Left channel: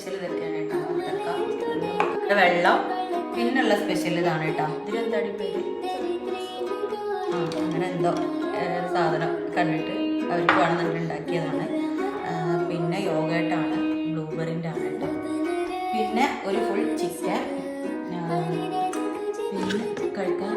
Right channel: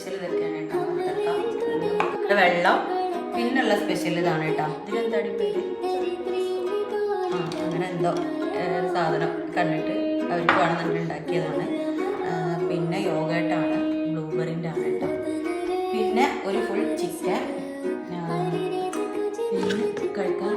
Special ഇതൊക്കെയാണ് കേട്ടോ. വത്തക്ക, വെള്ളം, പിന്നുള്ള സ്പെഷ്യൽ ഇതാണ് കേട്ടോ. ഇതിലെന്താണ് പേര്? അങ്ങനെ എന്തോ സാധനം കണ്ടിട്ട് അവർക്ക് വേണമെന്നുണ്ടെങ്കിൽ ഉണ്ടാക്കിയതാണ്. പിന്നെ യോഗേട്ടാണ്, ബ്ലൂബെറിൻ്റെ ആണ് കേട്ടോ. പിന്നെ ഒരു ഫുൾ ചിക്കൻ, പിന്നെ കഴിക്കാൻ